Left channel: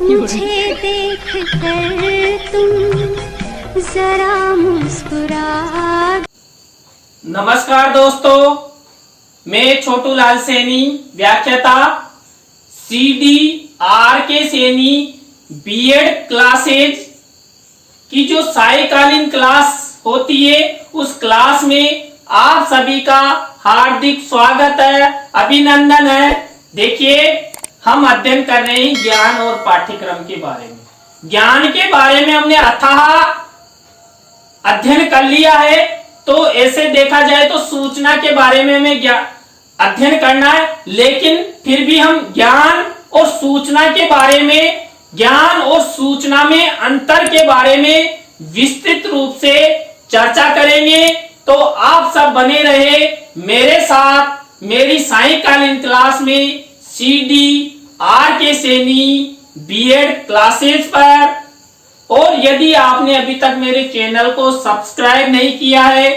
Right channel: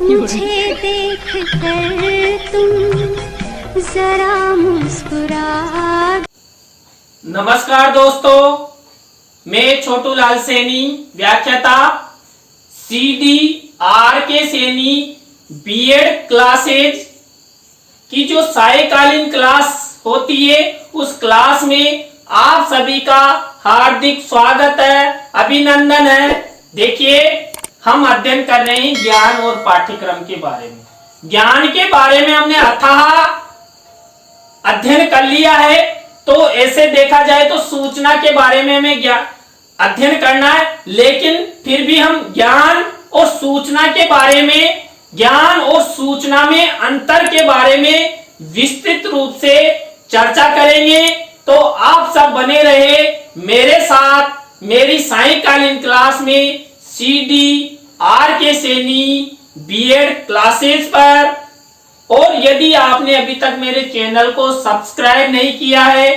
मुझे देख कर तुम जरा मुस्कुरा। नमस्कार दोस्तों, मैं छोटू लाल सैनी, व्याख्याता CDRK सैनी बीएड क्लासेज की जो सायकालीन क्लास होती है उस क्लास में आप सभी का हार्दिक स्वागत है, अभिनंदन है। देखिए, हम अध्ययन कर रहे हैं ज्ञान और पाठ्यक्रम के बारे में। ज्ञान के बारे में हमने अथाह अध्ययन कर लिया है, तो ऐसे देखा जाए तो सूचना के बारे में हमें अध्ययन करना है, लेकिन फिर भी हम ज्ञान और सूचना के बारे में, ज्ञान और सूचना में अंतर के बारे में विस्तृत रूप से चर्चा करेंगे। तो आप सब बने रहे मेरे साथ मेरी सायकालीन क्लास में CDRK सैनी बीएड क्लासेस पर। और यदि आपने अभी तक मेरे चैनल को सब्सक्राइब नहीं किया है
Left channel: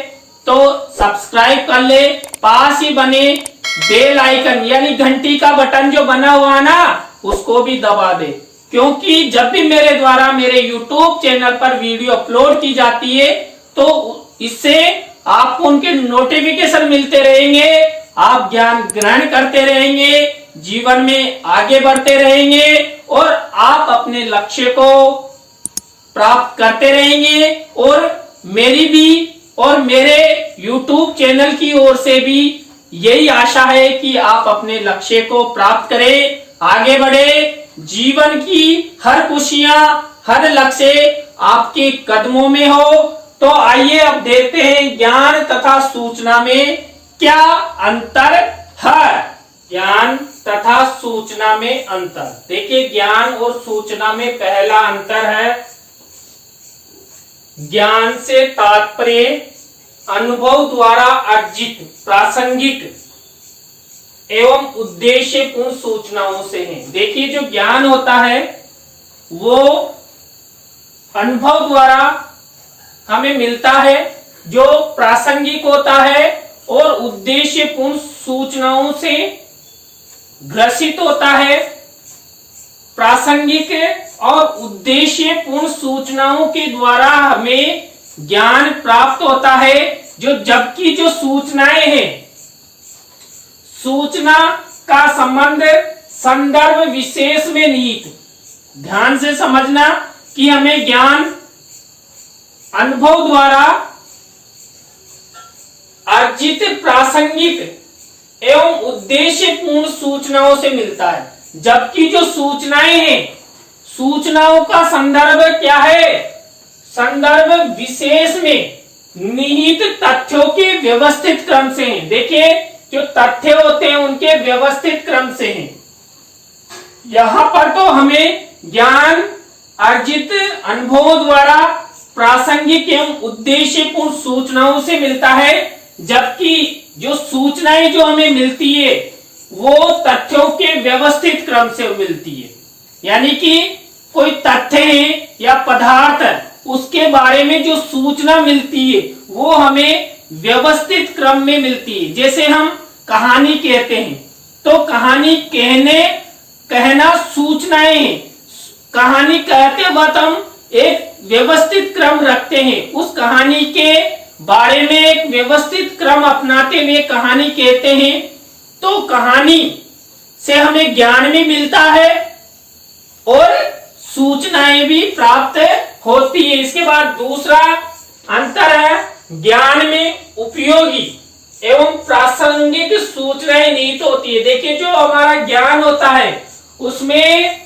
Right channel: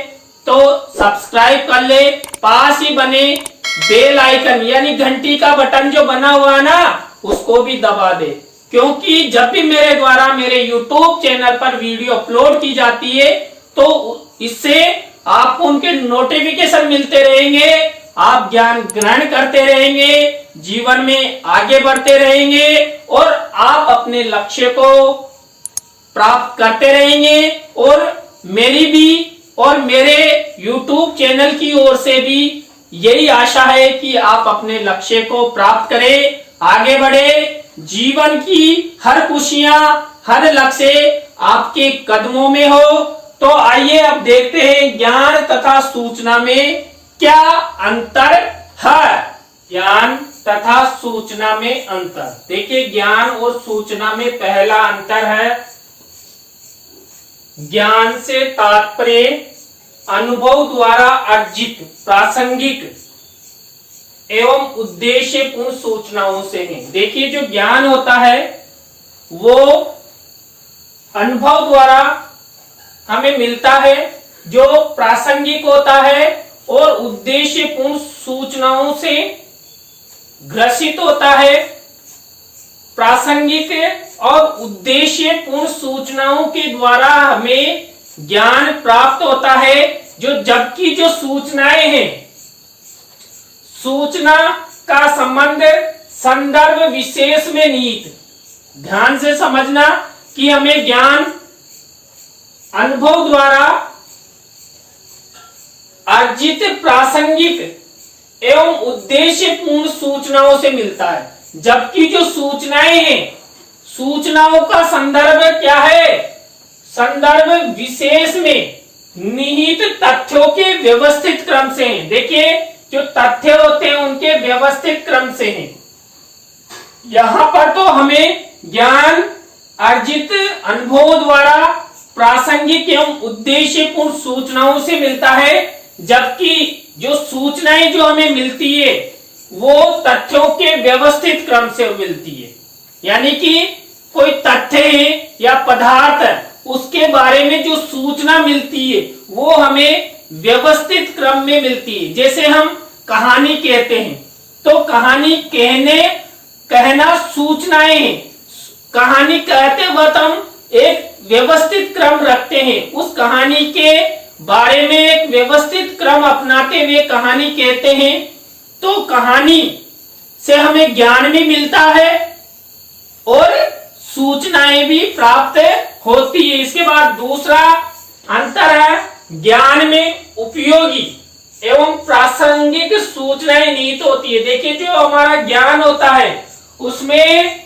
तो सब्सक्राइब कर ले, पास ही बने बेल आइकन यानी घंटी का बटन जो बना हुआ है ना, उसको भी दबा दे, क्योंकि जब भी मेरे द्वारा मेरे YouTube चैनल पर वीडियो अपलोड की जाती है तो इससे आपको उनके नोटिफिकेशन मिलते रहेंगे, आप ज्ञान ग्रहण करते रहेंगे, जीवन में आगे बढ़ते रहेंगे और आप अपने लक्ष्य को प्राप्त करते रहेंगे। और मेरी भी और मेरे YouTube चैनल की ओर से भी यही आशा है कि आप अपने लक्ष्य को प्राप्त करें, आगे बढ़े, जीवन की हर खुशियां, हर लक्ष्य आपके कदमों में हो। तो आइए अब देखते हैं ज्ञान तथा सूचना में क्या अंतर है। ज्ञान तथा सूचना में अंतर। देखिए, ज्ञान और सूचना में पहला अंतर है, ज्ञान से तात्पर्य अनुभव द्वारा अर्जित प्रासंगिक एवं उद्देश्यपूर्ण सूचनाओं से है। देखिए, जो ज्ञान होता है वो अनुभव द्वारा हमें मिलता है, जो प्रासंगिक होता है और उद्देश्यपूर्ण सूचनाओं से ग्रसित होता है। प्रासंगिक और उद्देश्यपूर्ण सूचनाओं के द्वारा हमें ज्ञान प्राप्त होता है, जबकि जो सूचनाएं हैं, सूचना का संबंध संदर्भ विशेष में निहित। ध्यान से समझना कि हमें ज्ञान अनुभव द्वारा अर्जित प्रासंगिक एवं उद्देश्यपूर्ण सूचनाओं से मिलता है, जबकि जो सूचनाएं हैं, सूचनाओं का संदर्भ क्या है? संदर्भ विशेष में निहित तथ्यों के व्यवस्थित क्रम से है। देखिए, जो तथ्य होते हैं उनके व्यवस्थित क्रम से हैं। यहां पर तो हमें ज्ञान अर्जित अनुभवों द्वारा प्रासंगिक एवं उद्देश्यपूर्ण सूचनाओं से मिलता है, जबकि जो सूचनाएं जो हमें मिलती है वो तथ्यों के व्यवस्थित क्रम से मिलती है। यानी कि कोई तथ्य है या पदार्थ है, उसके बारे में जो सूचना मिलती है वो हमें व्यवस्थित क्रम में मिलती है। जैसे हम कहानी कहते हैं तो कहानी कहना सूचनाएं हैं। कहानी कहते वक्त हम एक व्यवस्थित क्रम रखते हैं, उस कहानी के बारे में एक व्यवस्थित क्रम अपनाते हुए कहानी कहते हैं। तो कहानी से हमें ज्ञान भी मिलता है और सूचनाएं भी प्राप्त होती है। इसके बाद दूसरा अंतर है, ज्ञान में उपयोगी एवं प्रासंगिक सूचनाएं निहित होती है। देखिए, जो हमारा ज्ञान होता है उसमें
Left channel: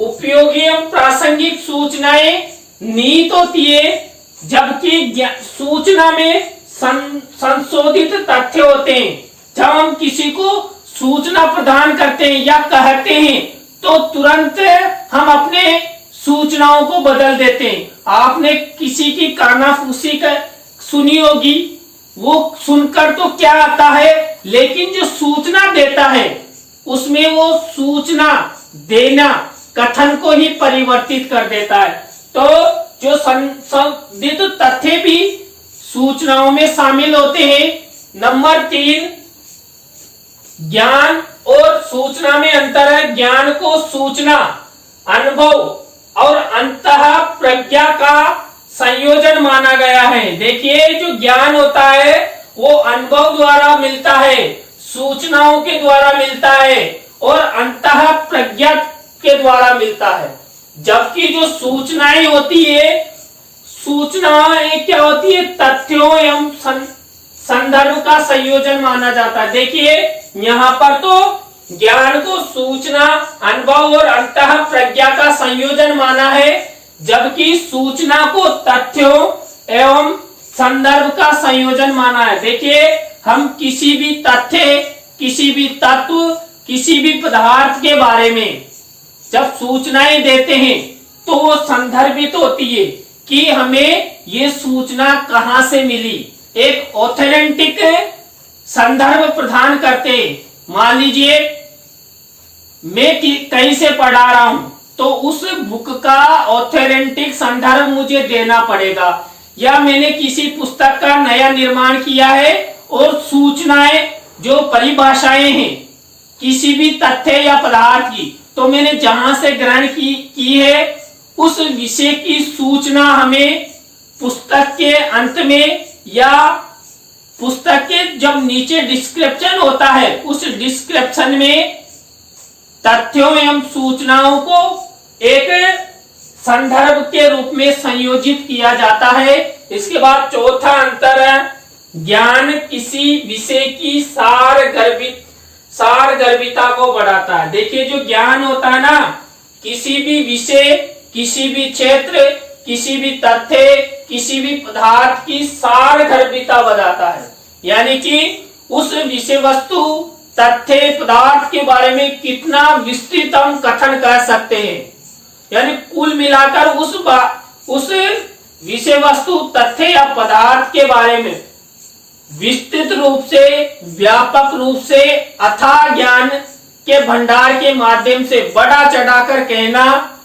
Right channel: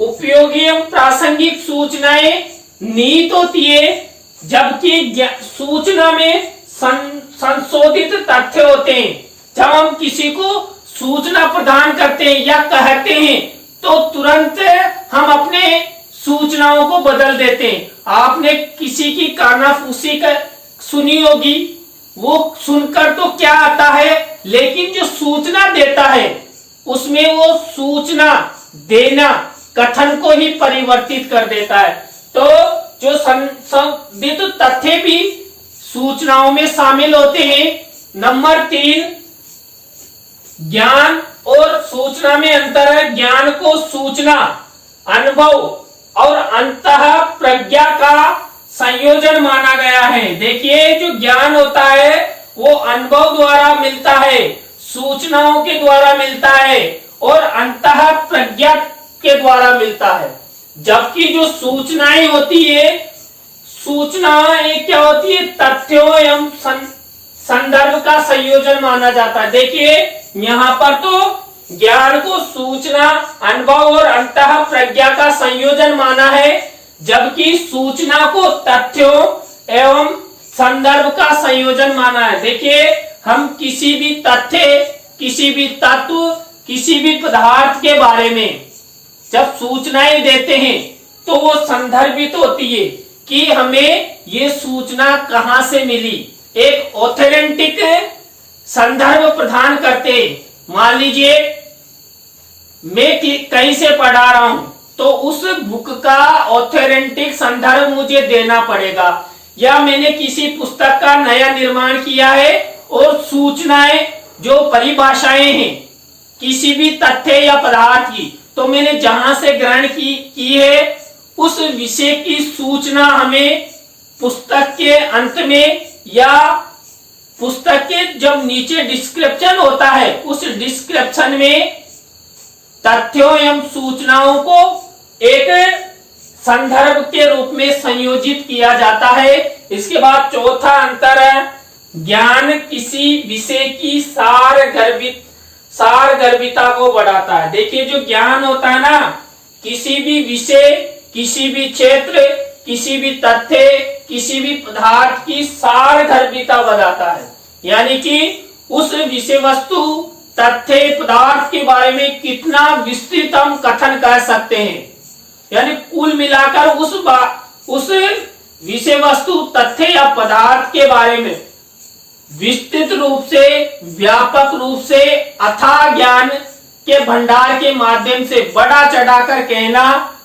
उपयोगी एवं प्रासंगिक सूचनाएं निहित होती है, जबकि सूचना में संशोधित तथ्य होते हैं। जब हम किसी को सूचना प्रदान करते हैं या कहते हैं तो तुरंत हम अपने सूचनाओं को बदल देते हैं। आपने किसी की कानाफूसी सुनी होगी, वो सुनकर तो क्या आता है, लेकिन जो सूचना देता है उसमें वो सूचना देना कथन को ही परिवर्तित कर देता है। तो जो संशोधित तथ्य भी सूचनाओं में शामिल होते हैं। नंबर 3, ज्ञान और सूचना में अंतर है। ज्ञान को सूचना अनुभव और अंतः प्रज्ञा का संयोजन माना गया है। देखिए जो ज्ञान होता है वो अनुभव द्वारा मिलता है, सूचनाओं के द्वारा मिलता है और अंतः प्रज्ञा के द्वारा मिलता है। जबकि जो सूचनाएं होती है, सूचनाएं क्या होती है, तथ्यों एवं संदर्भ का संयोजन माना जाता है। देखिए यहाँ पर तो ज्ञान को सूचना, अनुभव और अंतः प्रज्ञा का संयोजन माना है, जबकि सूचना को तथ्यों एवं संदर्भ का संयोजन माना है। देखिए हम किसी भी तथ्य, किसी भी तत्व, किसी भी पदार्थ के बारे में जब सूचनाएं देते हैं तो वो संदर्भित होती है कि हमें ये सूचना कहां से मिली, एक ऑथेंटिक संदर्भ प्रदान करते। मान लीजिए मैं कहीं से पढ़ा रहा हूं तो उस बुक का ऑथेंटिक संदर्भ मुझे देना पड़ेगा, या मैंने किसी पुस्तक का नया निर्माण किया है और सूचनाएं जो परिभाषाएं हैं किसी भी तथ्य या पदार्थ की, तो मैंने जहां से ग्रहण की है उस विषय की सूचना हमें पुस्तक के अंत में या पुस्तक के जब नीचे डिस्क्रिप्शन होता है उस डिस्क्रिप्शन में तथ्यों एवं सूचनाओं को एक संदर्भ के रूप में संयोजित किया जाता है। इसके बाद चौथा अंतर है, ज्ञान किसी विषय की सारगर्भिता को बढ़ाता है। देखिए जो ज्ञान होता है ना, किसी भी विषय, किसी भी क्षेत्र, किसी भी तथ्य, किसी भी पदार्थ की सारगर्भिता बढ़ाता है, यानी कि उस विषय वस्तु, तथ्य, पदार्थ के बारे में कितना विस्तृत हम कथन कर सकते हैं, यानी कुल मिलाकर उस विषय वस्तु, तथ्य या पदार्थ के बारे में विस्तृत रूप से, व्यापक रूप से, अथाह ज्ञान के भंडार के माध्यम से बढ़ा चढ़ाकर कहना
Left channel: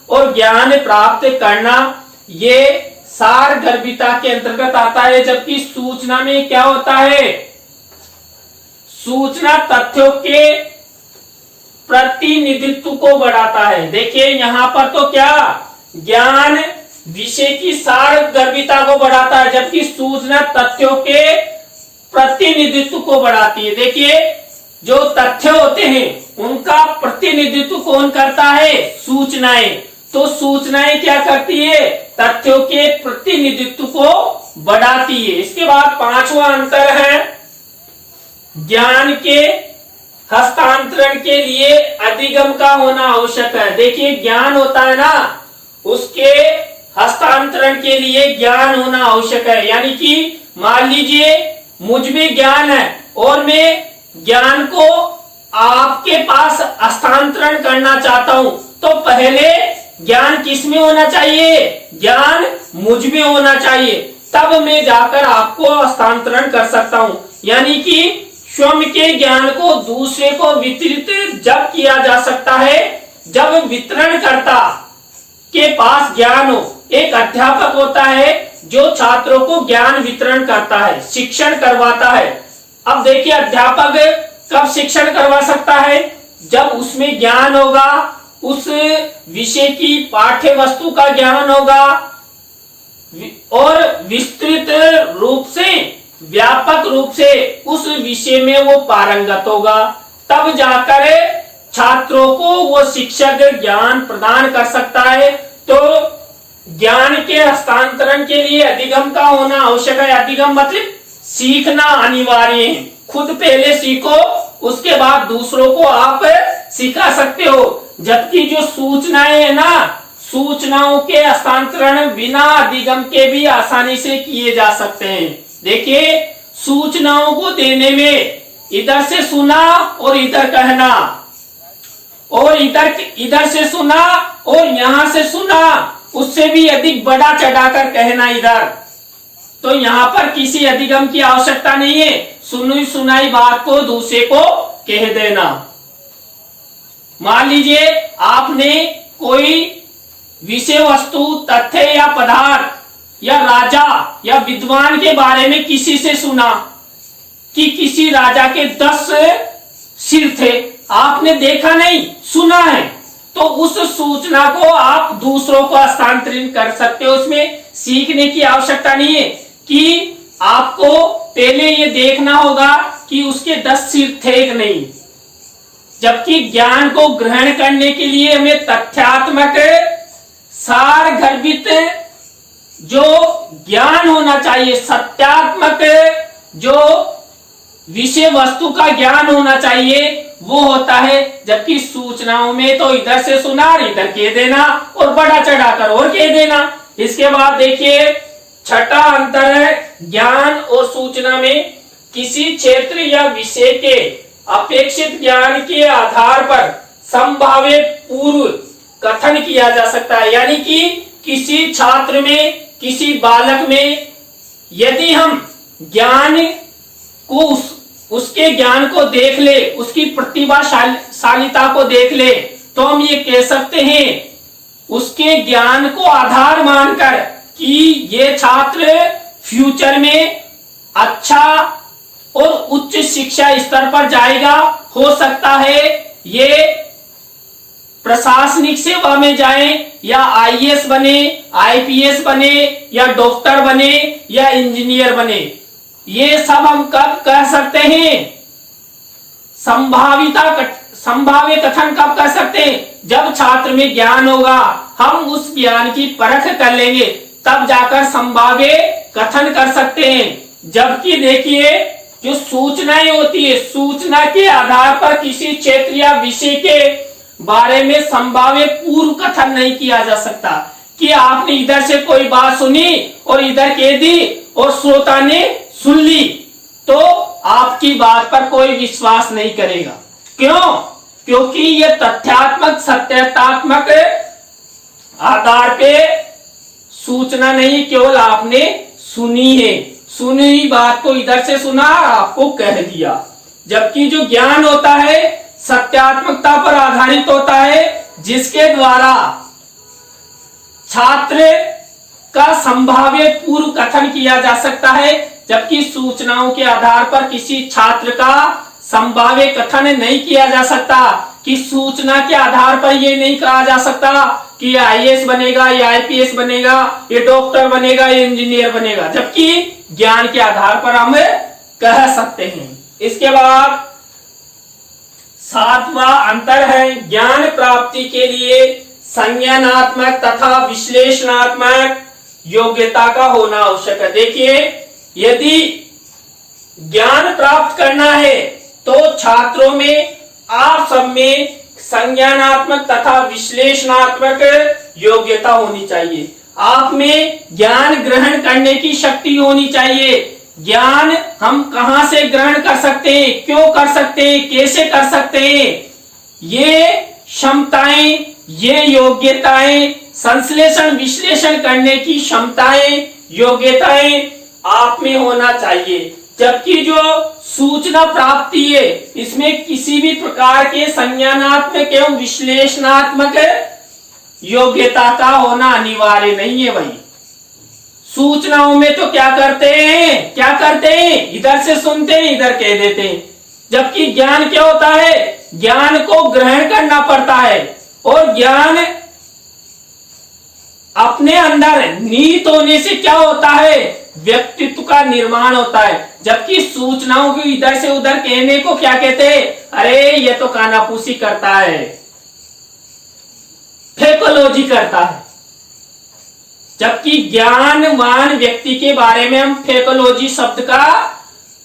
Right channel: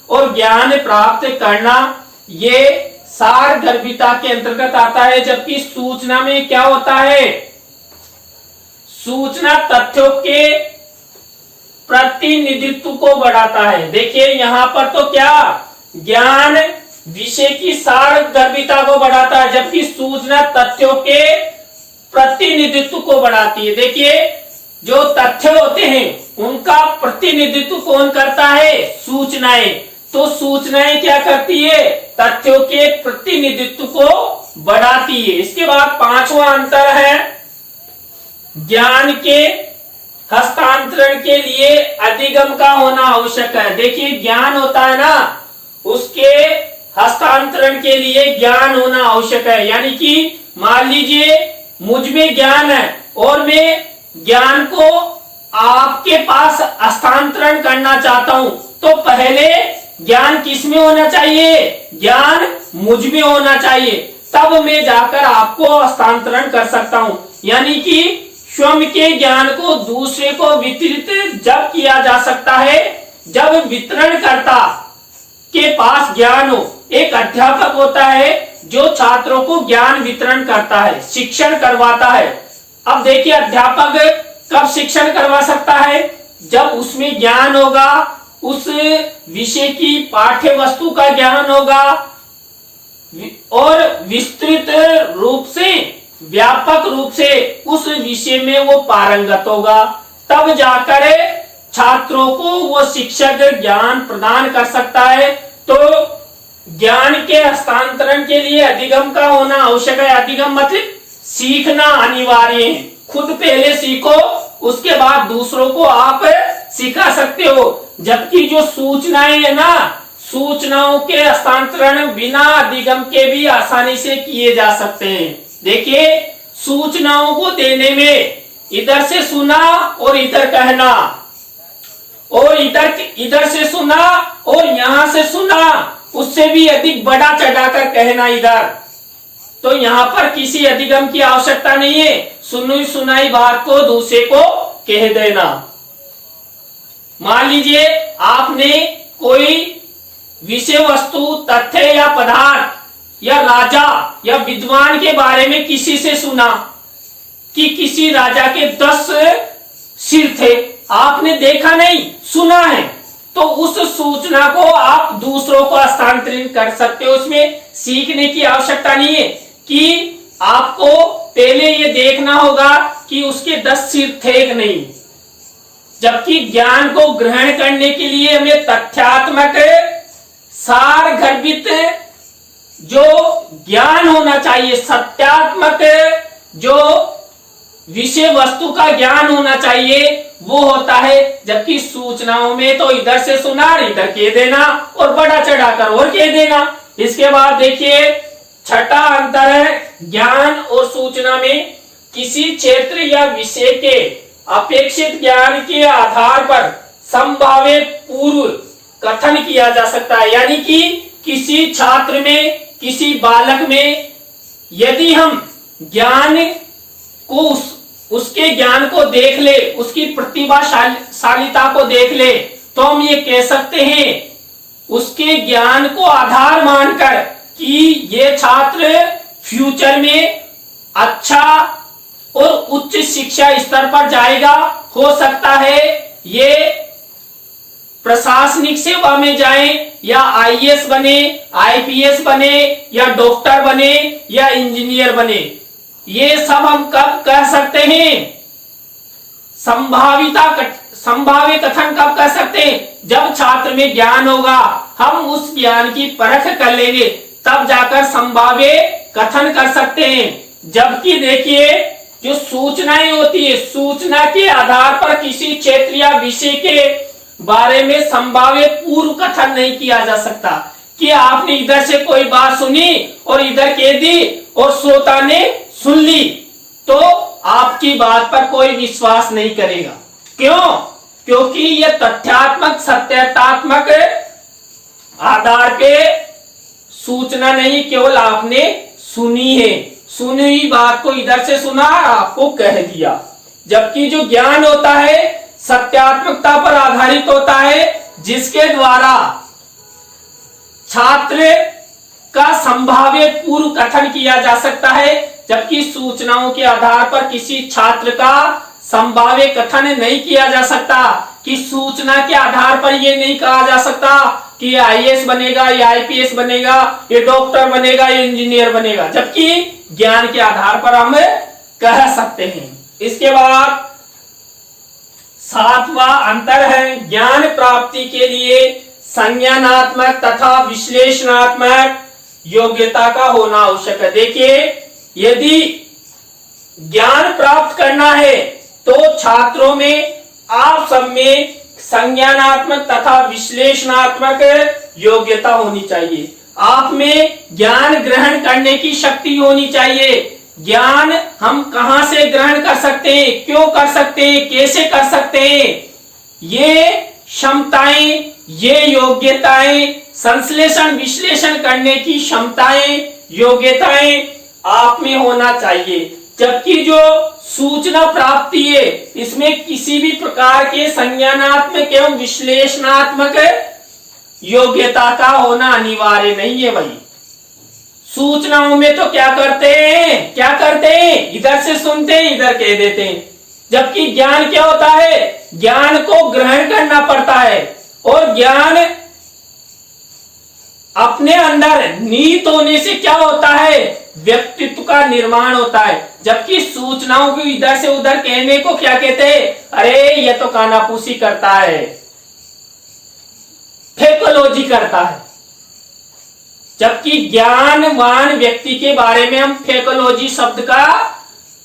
और ज्ञान प्राप्त करना, ये सारगर्भिता के अंतर्गत आता है। जबकि सूचना में क्या होता है, सूचना तथ्यों के प्रतिनिधित्व को बढ़ाता है। देखिए यहाँ पर तो क्या, ज्ञान विषय की सारगर्भिता को बढ़ाता है, जबकि सूचना तथ्यों के प्रतिनिधित्व को बढ़ाती है। देखिए जो तथ्य होते हैं उनका प्रतिनिधित्व कौन करता है, सूचनाएं। तो सूचनाएं क्या करती है, तथ्यों के प्रतिनिधित्व को बढ़ाती है। इसके बाद पांचवा अंतर है, ज्ञान के हस्तांतरण के लिए अधिगम का होना आवश्यक है। देखिए ज्ञान होता है ना, उसके हस्तांतरण के लिए ज्ञान होना आवश्यक है। यानी कि मान लीजिए मुझ में ज्ञान है और मैं ज्ञान को आपके पास हस्तांतरण करना चाहता हूं, तो पहले ज्ञान किस में होना चाहिए, ज्ञान मुझ में होना चाहिए, तब मैं जाकर आपको हस्तांतरण कर सकता हूं। यानी कि स्वयं के ज्ञान को दूसरे को वितरित जब किया जा सकता है जब वितरणकर्ता के पास ज्ञान हो। एक अध्यापक होता है जो छात्रों को ज्ञान वितरण करता है, शिक्षण करवाता है। अब देखिए अध्यापक कब शिक्षण करवा सकता है, जब उसमें ज्ञान होगा, उस विषय की पाठ्य वस्तु का ज्ञान होगा और विस्तृत रूप से, व्यापक रूप से उस विषय में वो पारंगत होगा, तब जाकर छात्रों को वो शिक्षक ज्ञान प्रदान कर सकता है। तो ज्ञान के हस्तांतरण के लिए अधिगम का होना आवश्यक है। अधिगम मतलब सीखना अनिवार्य है। खुद पहले सीखो, उसके बाद दूसरों को आप सिखा सकते हो। जबकि जो सूचनाएं है ना, सूचनाओं के हस्तांतरण बिना अधिगम के भी आसानी से किए जा सकते हैं। देखिए सूचनाओं को देने में इधर से सुना और इधर कहना, और इधर से सुना और यहां से सुना, उससे भी अधिक बड़ा चढ़ाकर कहना इधर, तो यहाँ पर किसी अधिगम की आवश्यकता नहीं है। सुनी सुनाई बात को दूसरे को कह देना। मान लीजिए आपने कोई विषय वस्तु, तथ्य या पदार्थ या राजा या विद्वान के बारे में किसी से सुना कि किसी राजा के 10 सिर थे। आपने देखा नहीं, सुना है, तो उस सूचना को आप दूसरों को हस्तांतरित कर सकते हो। उसमें सीखने की आवश्यकता नहीं है कि आपको पहले ये देखना होगा कि उसके 10 सिर थे कि नहीं। जबकि ज्ञान को ग्रहण करने के लिए हमें तथ्यात्मक सार गर्भित जो ज्ञान होना चाहिए, सत्यात्मक जो विषय वस्तु का ज्ञान होना चाहिए, वो होता है। जबकि सूचनाओं में तो इधर से सुना और इधर कह देना और बड़ा चढ़ाकर और कह देना। इसके बाद देखिए छठा अंतर है ज्ञान और सूचना में, किसी क्षेत्र या विषय के अपेक्षित ज्ञान के आधार पर संभावित पूर्व कथन किया जा सकता है। यानी कि किसी छात्र में, किसी बालक में यदि हम ज्ञान को उसके ज्ञान को देख ले, उसकी प्रतिभाशालिता को देख ले, तो हम ये कह सकते हैं उसके ज्ञान को आधार मानकर कि ये छात्र फ्यूचर में अच्छा और उच्च शिक्षा स्तर पर जाएगा। हो सकता है ये प्रशासनिक सेवा में जाए या आईएएस बने, आईपीएस बने या डॉक्टर बने या इंजीनियर बने। ये सब हम कब कह सकते हैं? संभाव्य कथन कब कर सकते हैं? जब छात्र में ज्ञान होगा, हम उस ज्ञान की परख कर लेंगे, तब जाकर संभाव्य कथन कर सकते हैं। जबकि देखिए जो सूचनाएं होती है, सूचना के आधार पर किसी क्षेत्र या विषय के बारे में संभाव्य पूर्व कथन नहीं किया जा सकता कि आपने इधर से कोई बात सुनी और इधर कह दी और श्रोता ने सुन ली, तो आपकी बात पर कोई विश्वास नहीं करेगा। क्यों? क्योंकि यह तथ्यात्मक सत्यात्मक आधार पे सूचना नहीं, केवल आपने सुनी है, सुनी हुई बात को इधर से सुना और आपको कह दिया। जबकि जो ज्ञान होता है सत्यात्मकता पर आधारित होता है, जिसके द्वारा छात्र का संभाव्य पूर्व कथन किया जा सकता है। जबकि सूचनाओं के आधार पर किसी छात्र का संभाव्य कथन नहीं किया जा सकता कि सूचना के आधार पर ये नहीं कहा जा सकता कि आईएएस बनेगा, ये आईपीएस बनेगा, ये डॉक्टर बनेगा, ये इंजीनियर बनेगा। जबकि ज्ञान के आधार पर हम कह सकते हैं। इसके बाद सातवां अंतर है ज्ञान प्राप्ति के लिए संज्ञानात्मक तथा विश्लेषणात्मक योग्यता का होना आवश्यक है। देखिए यदि ज्ञान प्राप्त करना है तो छात्रों में, आप सब में संज्ञानात्मक तथा विश्लेषणात्मक योग्यता होनी चाहिए। आप में ज्ञान ग्रहण करने की शक्ति होनी चाहिए। ज्ञान हम कहां से ग्रहण कर सकते हैं, क्यों कर सकते हैं, कैसे कर सकते हैं, ये क्षमताएं, ये योग्यताएं, संश्लेषण विश्लेषण करने की क्षमताएं, योग्यताएं आप में होना चाहिए। जबकि जो सूचना प्राप्ति है, इसमें किसी भी प्रकार के संज्ञानात्मक एवं विश्लेषणात्मक योग्यता का होना अनिवार्य नहीं है। भाई सूचनाओं में तो क्या करते हैं, इधर से सुनते हैं, इधर कह देते हैं। जबकि ज्ञान क्या होता है, ज्ञान को ग्रहण करना पड़ता है और ज्ञान अपने अंदर नीत होने से क्या होता है, व्यक्तित्व का निर्माण होता है। जबकि सूचनाओं को इधर से उधर कहने को क्या कहते हैं, अरे ये तो कानाफूसी करता है, फेकोलॉजी करता है। जबकि ज्ञानवान व्यक्ति के बारे में हम फेकोलॉजी शब्द का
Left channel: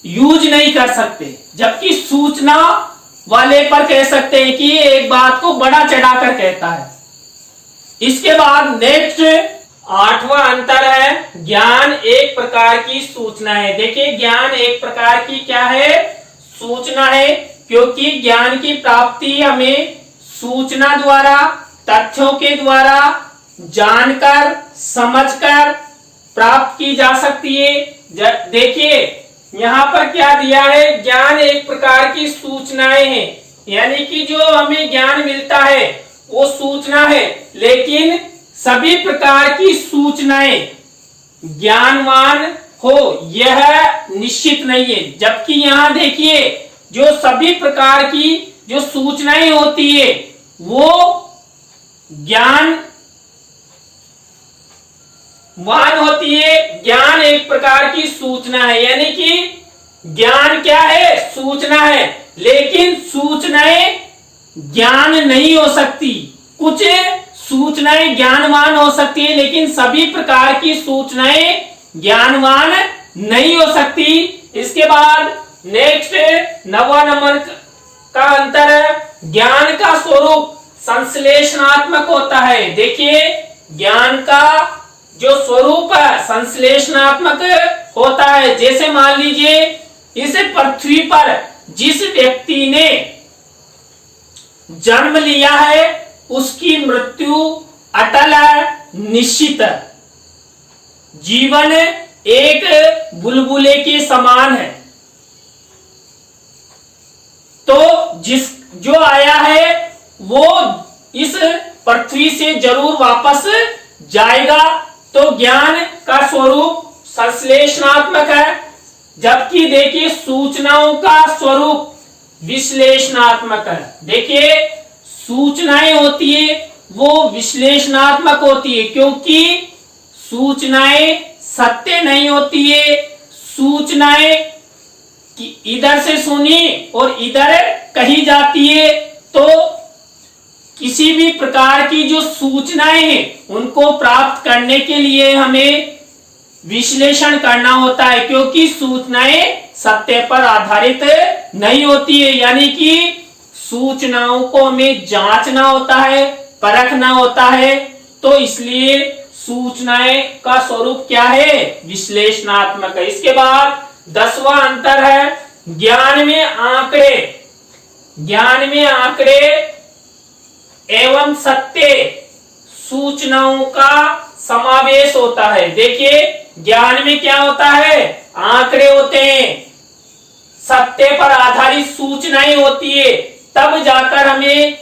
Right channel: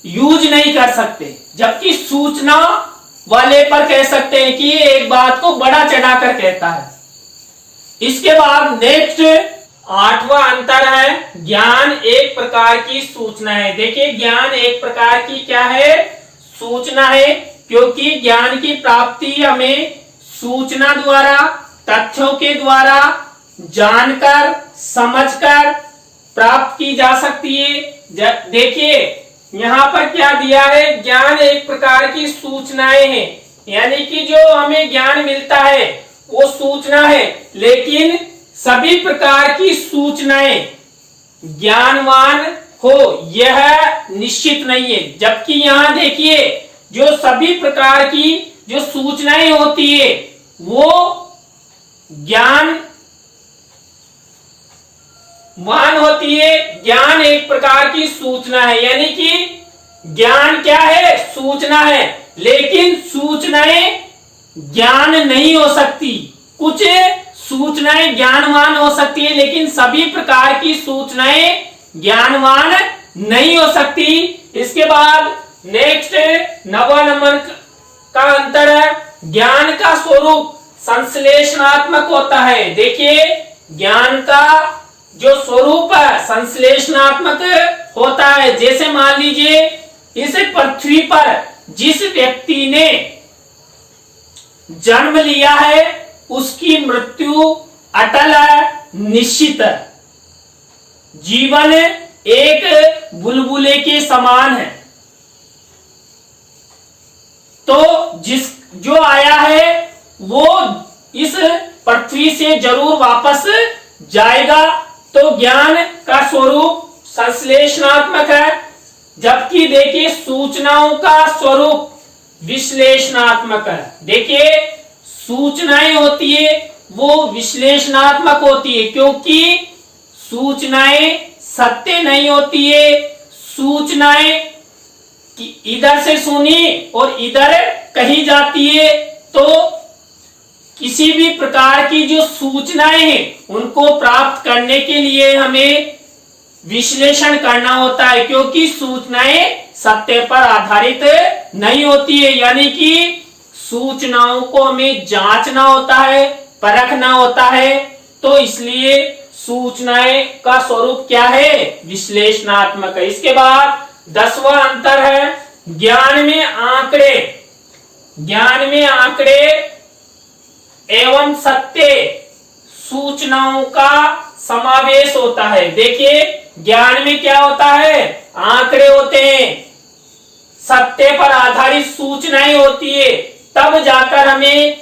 यूज नहीं कर सकते। जबकि सूचना वाले पर कह सकते हैं कि एक बात को बड़ा चढ़ाकर कहता है। इसके बाद नेक्स्ट आठवां अंतर है ज्ञान एक प्रकार की सूचना है। देखिए ज्ञान एक प्रकार की क्या है, सूचना है, क्योंकि ज्ञान की प्राप्ति हमें सूचना द्वारा, तथ्यों के द्वारा जानकर समझकर प्राप्त की जा सकती है। देखिए यहाँ पर क्या दिया है, ज्ञान एक प्रकार की सूचनाएं हैं, यानी कि जो हमें ज्ञान मिलता है वो सूचना है, लेकिन सभी प्रकार की सूचनाएं ज्ञानवान हो यह निश्चित नहीं है। जबकि यहाँ देखिए जो सभी प्रकार की जो सूचनाएं होती है वो ज्ञानवान होती है। ज्ञान एक प्रकार की सूचना है, यानी कि ज्ञान क्या है? सूचना है। लेकिन सूचनाएं ज्ञान नहीं हो सकती। कुछ सूचनाएं ज्ञानवान हो सकती है, लेकिन सभी प्रकार की सूचनाएं ज्ञानवान नहीं हो सकती। इसके बाद नेक्स्ट 9वां नंबर का अंतर है, ज्ञान का स्वरूप संश्लेषणात्मक होता है। देखिए, ज्ञान का जो स्वरूप है संश्लेषणात्मक होता है। जैसे मान लीजिए, इस पृथ्वी पर जिस व्यक्ति ने जन्म लिया है उसकी मृत्यु अटल है, निश्चित है। जीवन एक बुलबुले के समान है। तो जो आया है वो इस पृथ्वी से जरूर वापस जाएगा। तो ज्ञान का स्वरूप संश्लेषणात्मक है, जबकि देखिए सूचनाओं का स्वरूप विश्लेषणात्मक है। देखिए, सूचनाएं होती है वो विश्लेषणात्मक होती है, क्योंकि सूचनाएं सत्य नहीं होती है। सूचनाएं इधर से सुनी और इधर कही जाती है। तो किसी भी प्रकार की जो सूचनाएं हैं उनको प्राप्त करने के लिए हमें विश्लेषण करना होता है, क्योंकि सूचनाएं सत्य पर आधारित नहीं होती है। यानी कि सूचनाओं को हमें जांचना होता है, परखना होता है। तो इसलिए सूचनाएं का स्वरूप क्या है? विश्लेषणात्मक है। इसके बाद 10वां अंतर है, ज्ञान में आंकड़े एवं सत्य सूचनाओं का समावेश होता है। देखिए, ज्ञान में क्या होता है? आंकड़े होते हैं, सत्य पर आधारित सूचनाएं होती है, तब जाकर हमें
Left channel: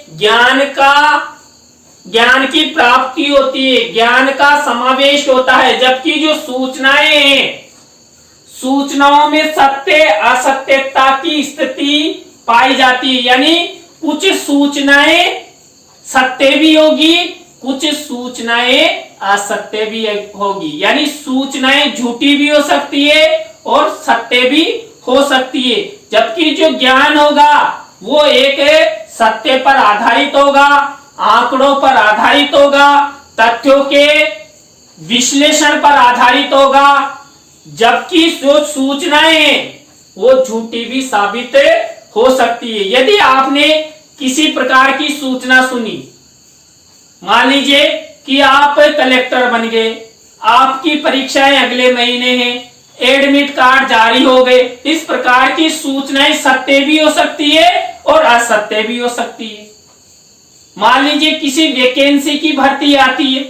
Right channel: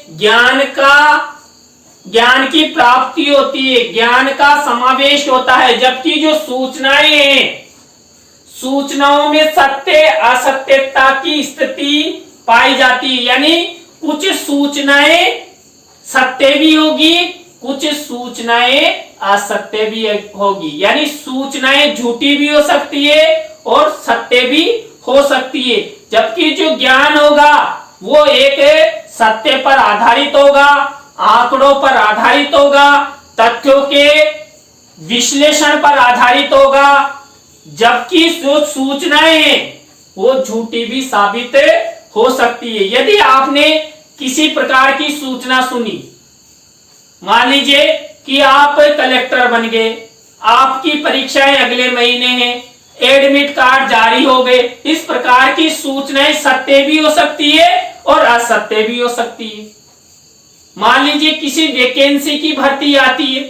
ज्ञान की प्राप्ति होती है, ज्ञान का समावेश होता है। जबकि जो सूचनाएं हैं, सूचनाओं में सत्य असत्यता की स्थिति पाई जाती है। यानी कुछ सूचनाएं सत्य भी होगी, कुछ सूचनाएं असत्य भी होगी। यानी सूचनाएं झूठी भी हो सकती है और सत्य भी हो सकती है। जबकि जो ज्ञान होगा वो एक सत्य पर आधारित होगा, आंकड़ों पर आधारित होगा, तथ्यों के विश्लेषण पर आधारित होगा। जबकि जो सूचनाएं हैं वो झूठी भी साबित हो सकती है। यदि आपने किसी प्रकार की सूचना सुनी, मान लीजिए कि आप कलेक्टर बन गए, आपकी परीक्षाएं अगले महीने हैं, एडमिट कार्ड जारी हो गए, इस प्रकार की सूचनाएं सत्य भी हो सकती है और असत्य भी हो सकती है। मान लीजिए किसी वैकेंसी की भर्ती आती है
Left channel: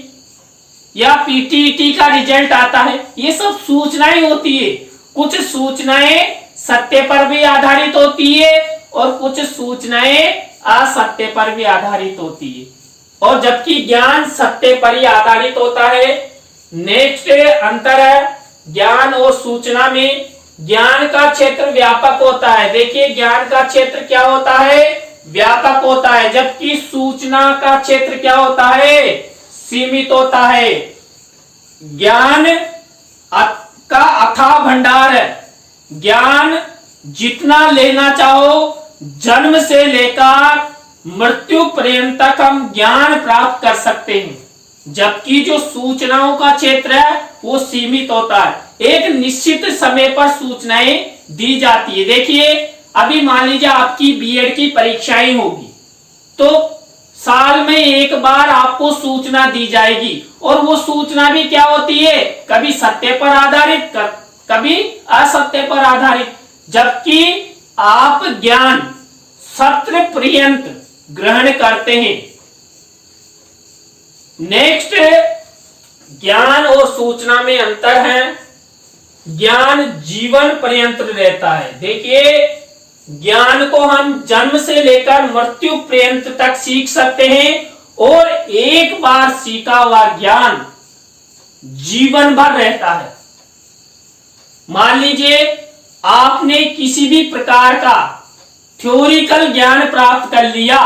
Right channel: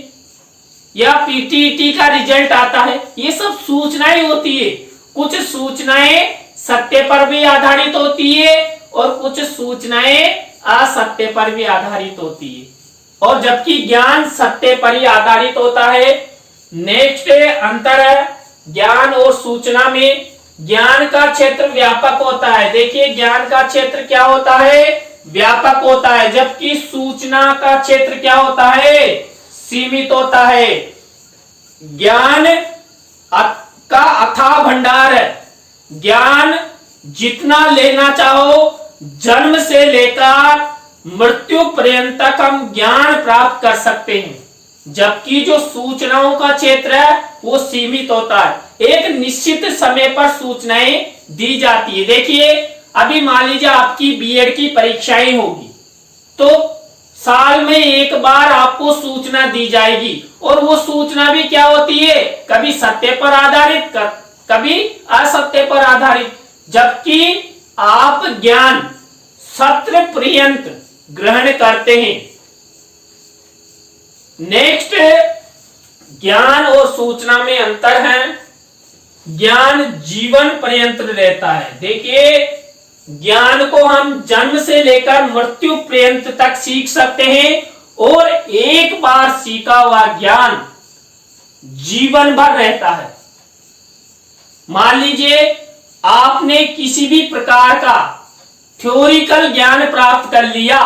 या पीटीईटी का रिजल्ट आता है, ये सब सूचनाएं होती है। कुछ सूचनाएं सत्य पर भी आधारित होती है और कुछ सूचनाएं असत्य पर भी आधारित होती है, और जबकि ज्ञान सत्य पर ही आधारित होता है। नेक्स्ट अंतर है, ज्ञान और सूचना में ज्ञान का क्षेत्र व्यापक होता है। देखिए, ज्ञान का क्षेत्र क्या होता है? व्यापक होता है, जबकि सूचना का क्षेत्र क्या होता है? सीमित होता है। ज्ञान का अथाह भंडार है। ज्ञान जितना लेना चाहो, जन्म से लेकर मृत्यु पर्यंत तक हम ज्ञान प्राप्त कर सकते हैं। जबकि जो सूचनाओं का क्षेत्र है वो सीमित होता है, एक निश्चित समय पर सूचनाएं दी जाती है। देखिए, अभी मान लीजिए आपकी बीएड की परीक्षाएं होगी, तो साल में एक बार आपको सूचना दी जाएगी, और वो सूचना भी क्या होती है? कभी सत्य पर आधारित, कभी असत्य पर आधारित। जबकि आप ज्ञान सत्र पर्यंत ग्रहण करते हैं। नेक्स्ट, ज्ञान और सूचना में अंतर है, ज्ञान जीवन पर्यंत रहता है। देखिए, ज्ञान को हम जन्म से लेकर मृत्यु पर्यंत तक सीख सकते हैं, और एक बार सीखा हुआ ज्ञान जीवन भर रहता है। मान लीजिए आपने किसी भी प्रकार का थ्योरिकल ज्ञान प्राप्त कर लिया,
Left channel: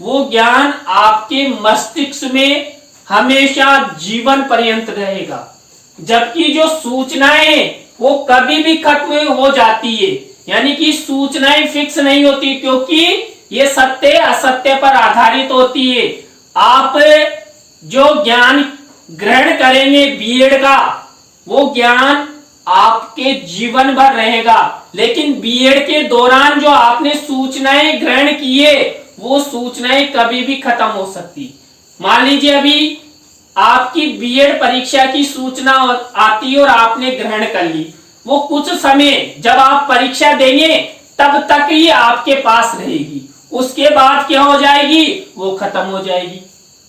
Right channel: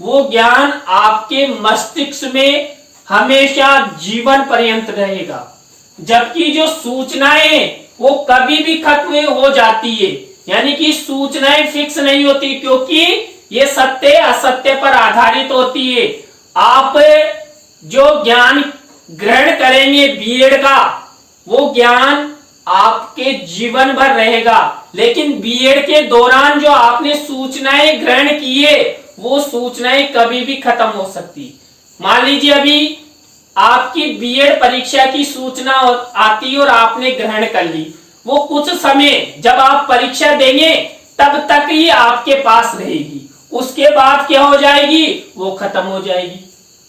वो ज्ञान आपके मस्तिष्क में हमेशा जीवन पर्यंत रहेगा, जबकि जो सूचनाएं हैं वो कभी भी खत्म हो जाती है, यानी कि सूचनाएं फिक्स नहीं होती, क्योंकि ये सत्य असत्य पर आधारित होती है। आप जो ज्ञान ग्रहण करेंगे बीएड का, वो ज्ञान आपके जीवन भर रहेगा, लेकिन बीएड के दौरान जो आपने सूचनाएं ग्रहण की है वो सूचनाएं कभी भी खत्म हो सकती। मान लीजिए अभी आपकी बीएड परीक्षा की सूचना आती है और आपने ग्रहण कर ली, वो कुछ समय जब आप परीक्षा देंगे तब तक ही आपके पास रहेगी, उसके बाद क्या हो जाएगी, वो खत्म हो जाएगी।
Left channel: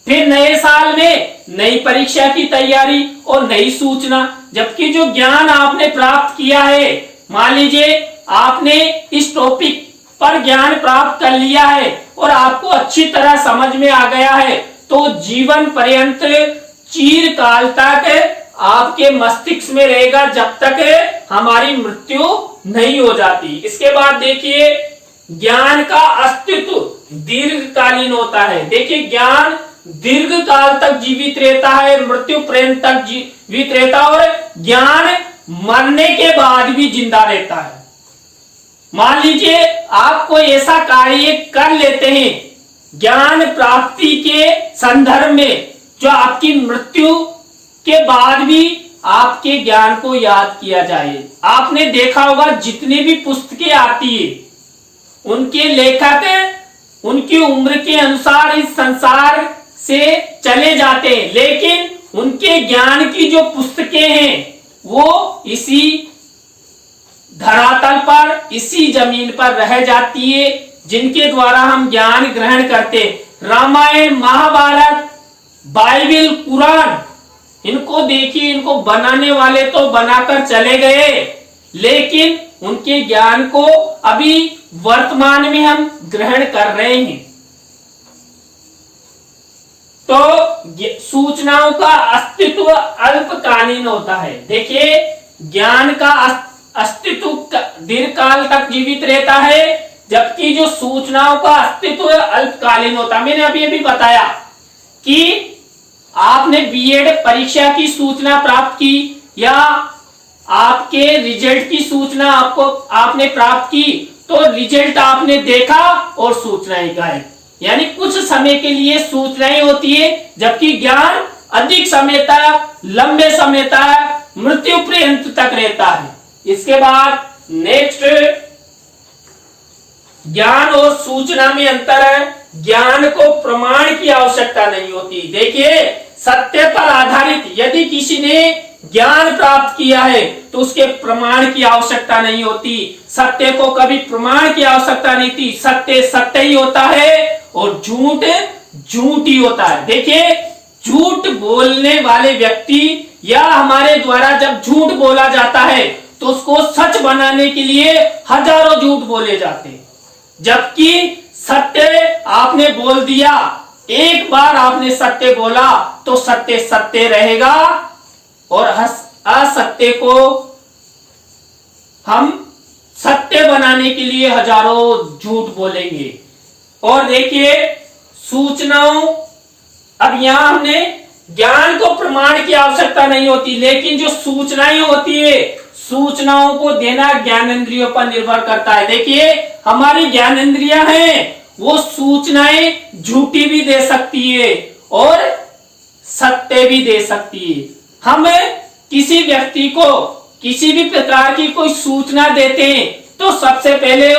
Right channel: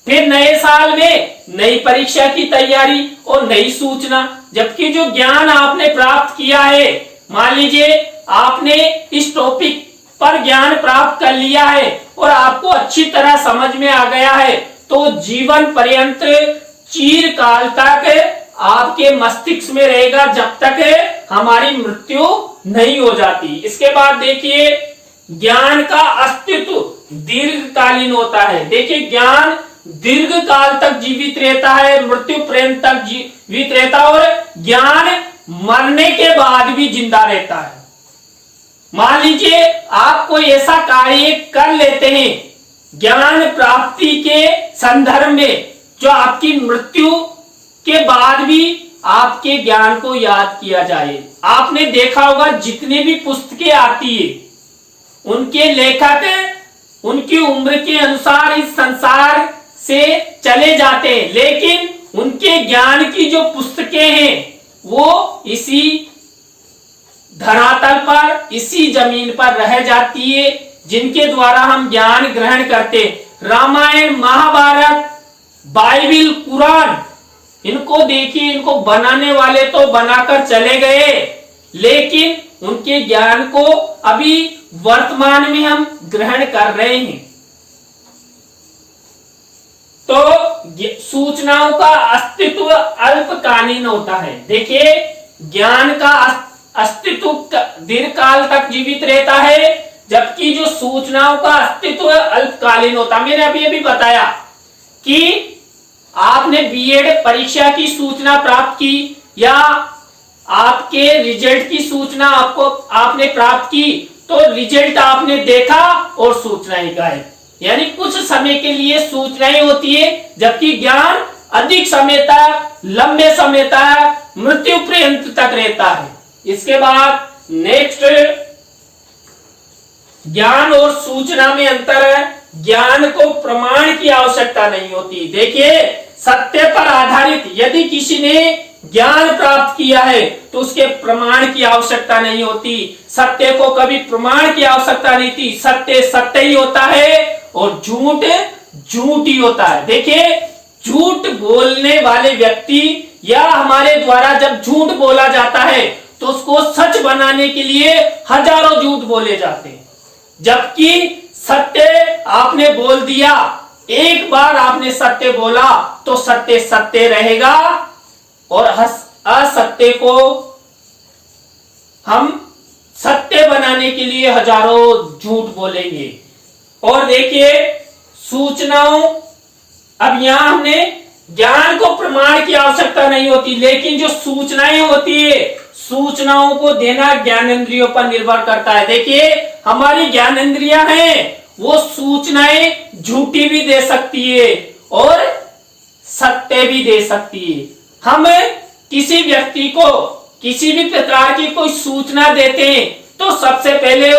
फिर नए साल में नई परीक्षा की तैयारी और नई सूचना, जबकि जो ज्ञान आपने प्राप्त किया है, मान लीजिए आपने इस टॉपिक पर ज्ञान प्राप्त कर लिया है और आपको अच्छी तरह समझ में आ गया है, तो जीवन पर्यंत चिरकाल तक आपके मस्तिष्क में रहेगा, जब तक हमारी मृत्यु नहीं हो जाती। इसके बाद देखिए, ज्ञान का अस्तित्व दीर्घकालीन होता है। देखिए, ज्ञान दीर्घ काल तक जीवित रहता है, मृत्यु पर्यंत तक जीवित रहता है, और ज्ञान मरने के बाद भी जिंदा रहता है। मान लीजिए आप कोई ऐसा कार्य कर लेते हैं ज्ञान प्राप्ति के संदर्भ में, जो आपकी मृत्यु के बाद भी आपके ज्ञान को याद किया जाए। आपने देखा होगा जितने भी पुस्तकें आती है, उनके लेखक उनकी उम्र के अनुसार इस संसार से चले जाते हैं, लेकिन उनके ज्ञान की जो पुस्तकें हैं वो इसी धरातल पर, इसी जमीन पर रह जाती है, जिनके द्वारा हम ज्ञान ग्रहण करते। रामायण, महाभारत, बाइबिल, कुरान, इनको देखिए, इनको बनाने वाले तो बनाकर चले गए, लेकिन उनके ज्ञान को अभी वर्तमान में हम ग्रहण कर रहे हैं। तो सूचनाओं का अस्तित्व अल्पकालीन होता है। देखिए, ज्ञान का अस्तित्व दीर्घकाल तक जीवित रहता है, जबकि जो सूचनाओं का अस्तित्व अल्पकालीन होता है। मैंने अभी बताया कि आपने बीएड परीक्षा की सूचना प्राप्त की या आपके रिजल्ट की सूचना आपने प्राप्त की, तो रिजल्ट आपने देखा और सूचनाएं गायब, यानी कुछ समय के लिए सूचनाएं होती है, जबकि ज्ञान अधिक समय तक, लंबे समय तक, मृत्यु पर्यंत तक रहता है। इसके बाद नेक्स्ट, ज्ञान और सूचना में अंतर है। ज्ञान को प्रमाण की आवश्यकता नहीं होती। देखिए, सत्य पर आधारित यदि किसी ने ज्ञान प्राप्त किया है तो उसके प्रमाण की आवश्यकता नहीं होती। सत्य को कभी प्रमाण की आवश्यकता नहीं थी। सत्य सत्य ही होता है और झूठ झूठ ही होता है। देखिए, झूठ बोलने वाले व्यक्ति या हमारे द्वारा जब झूठ बोला जाता है तो उसको सच बनाने के लिए हजारों झूठ बोले जाते हैं, जबकि सत्य आपने बोल दिया, एक बार आपने सत्य बोला तो सत्य सत्य रहेगा, और असत्य को हम सत्य बनाने के लिए हजारों झूठ बोलेंगे। और देखिए, सूचनाओं, अब यहां हमने ज्ञान को प्रमाण की आवश्यकता नहीं होती, लेकिन जो सूचनाएं होती है, सूचनाओं को देना ज्ञानेंद्रियों पर निर्भर करता है। देखिए, हमारी ज्ञानेंद्रियां हैं, वो सूचनाएं झूठी भी दे सकती है और सत्य भी दे सकती है। हम किसी व्यक्ति को किसी भी प्रकार की कोई सूचना देते हैं तो सबसे पहले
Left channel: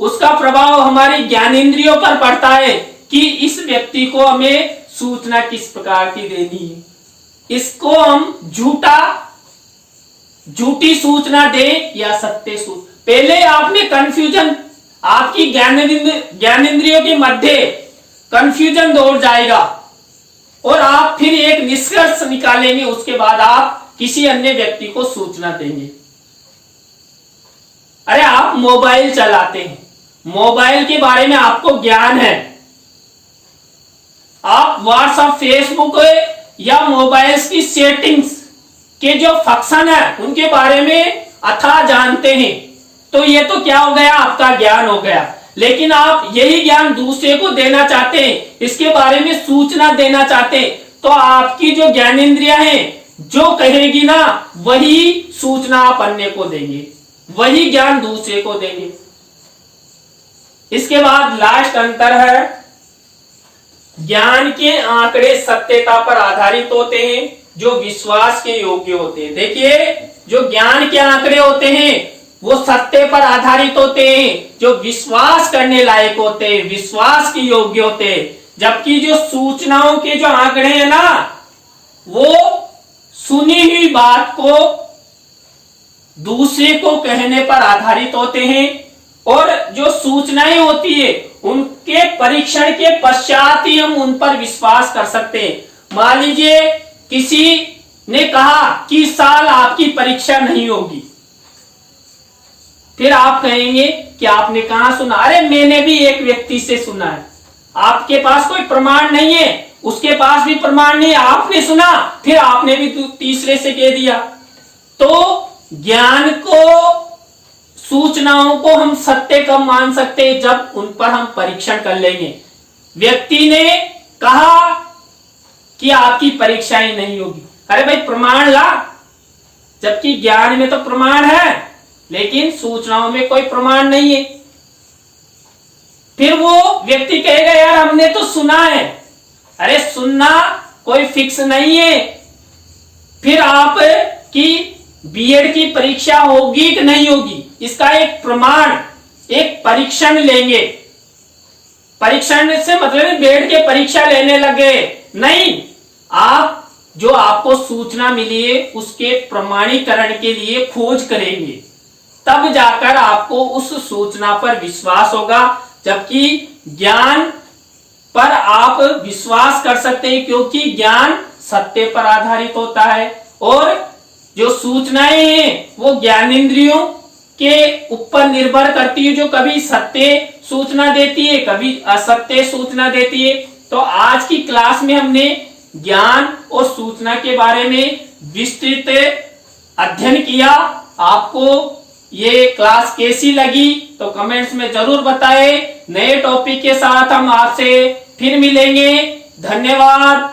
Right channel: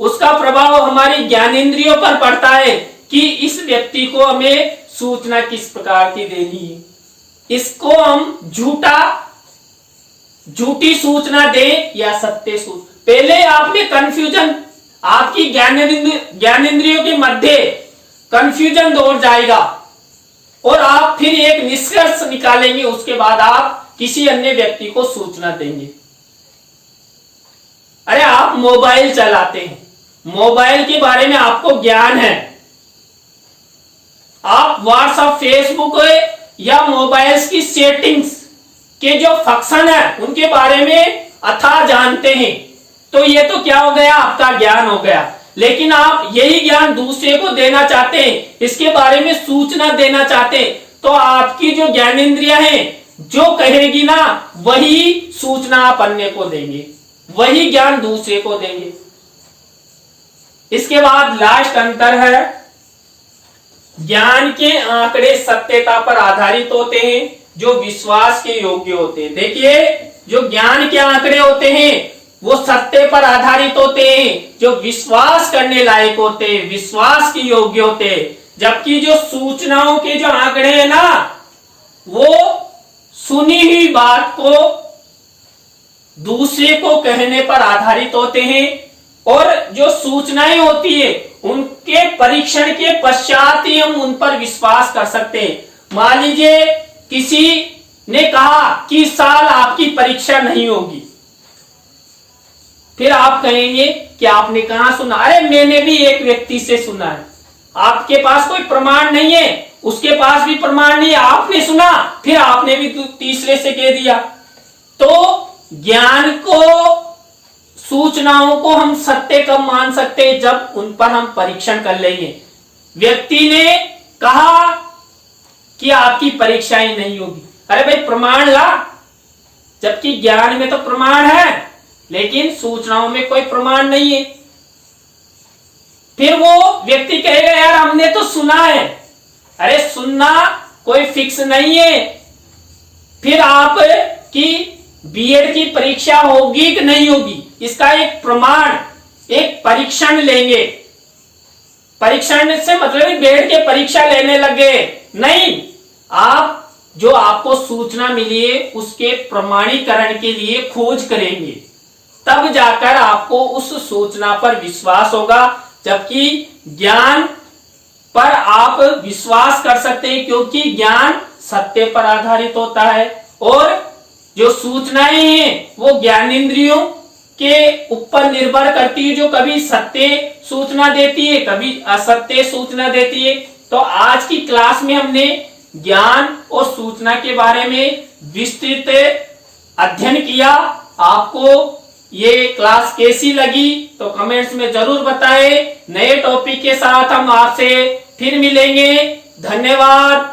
उसका प्रभाव हमारी ज्ञानेंद्रियों पर पड़ता है कि इस व्यक्ति को हमें सूचना किस प्रकार की देनी है। इसको हम झूठी सूचना दें या सत्य सूचना, पहले आप में कंफ्यूजन, आपकी ज्ञानेंद्रियों के मध्य कंफ्यूजन दौड़ जाएगा और आप फिर एक निष्कर्ष निकालेंगे, उसके बाद आप किसी अन्य व्यक्ति को सूचना देंगे। अरे, आप मोबाइल चलाते हैं, मोबाइल के बारे में आपको ज्ञान है, आप व्हाट्सएप, फेसबुक या मोबाइल्स की सेटिंग्स के जो फंक्शन है उनके बारे में अथाह जानते हैं, तो ये तो क्या हो गया, आपका ज्ञान हो गया। लेकिन आप यही ज्ञान दूसरे को देना चाहते हैं, इसके बारे में सूचना देना चाहते हैं, तो आपकी जो ज्ञानेंद्रियां हैं जो कहेगी ना वही सूचना आप अन्य को देंगे, वही ज्ञान दूसरे को देंगे। इसके बाद लास्ट अंतर है, ज्ञान के आंकड़े सत्यता पर आधारित होते हैं, जो विश्वास के योग्य होते हैं। देखिए, जो ज्ञान के आंकड़े होते हैं वो सत्य पर आधारित होते हैं, जो विश्वास करने लायक होते हैं, विश्वास के योग्य होते हैं। जबकि जो सूचनाओं के जो आंकड़े हैं ना, वो सुनी हुई बात को दूसरे को कहने पर आधारित होते हैं, और जो सूचनाएं होती है उनके परीक्षण के पश्चात ही हम उन पर विश्वास कर सकते हैं। मान लीजिए किसी ने कहा कि इस साल आपकी परीक्षा नहीं होगी, फिर आप कहेंगे कि आपने कहां सुना? अरे मैंने भी एक व्यक्ति से सुना है। आपके पास कोई प्रमाण नहीं है, उसके पास भी प्रमाण नहीं है, आपने सुना, फिर आपने भी तीसरे से कह दिया। तो ज्ञान को, सूचनाओं को हम सत्य कब मान सकते हैं? जब उन पर हम परीक्षण कर लेंगे। व्यक्ति ने कहा कि आपकी परीक्षाएं नहीं होगी, अरे भाई प्रमाण ला, जबकि ज्ञान में तो प्रमाण है लेकिन सूचनाओं में कोई प्रमाण नहीं है। फिर वो व्यक्ति कहेगा यार हमने तो सुना है, अरे सुनना कोई फिक्स नहीं है। फिर आप की बीएड की परीक्षा होगी कि नहीं होगी, इसका एक प्रमाण, एक परीक्षण लेंगे। परीक्षण से मतलब बीएड के परीक्षा लेने लगे नहीं, आप जो आपको सूचना मिली है उसके प्रमाणीकरण के लिए खोज करेंगे, तब जाकर आपको उस सूचना पर विश्वास होगा। जबकि ज्ञान पर आप विश्वास कर सकते हैं क्योंकि ज्ञान सत्य पर आधारित होता है, और जो सूचनाएं हैं वो ज्ञानेंद्रियों के ऊपर निर्भर करती है, जो कभी सत्य सूचना देती है, कभी असत्य सूचना देती है। तो आज की क्लास में हमने ज्ञान और सूचना के बारे में विस्तृत अध्ययन किया। आपको ये क्लास कैसी लगी तो कमेंट्स में जरूर बताएं। नए टॉपिक के साथ हम आपसे फिर मिलेंगे। धन्यवाद।